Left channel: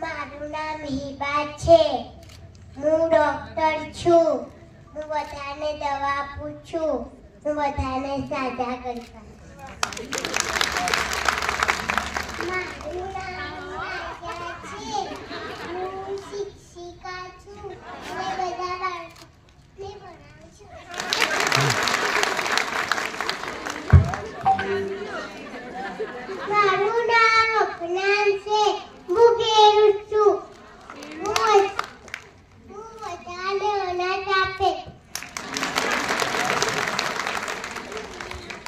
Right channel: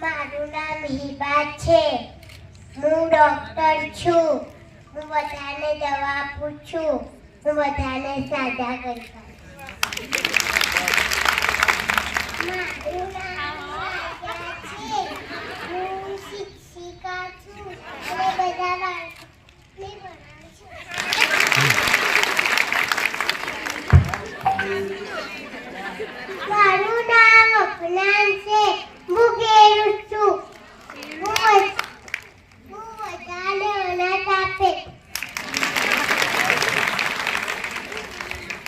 મારું નામ હિબા છે. હું ડોક્ટર છું. હું બધાને દવા આપું છું. હું બધાને સાજા કરી શકું. મારું નામ રાજા છે. હું શિક્ષિકા છું અને બધા બાળકોને ભણાવું.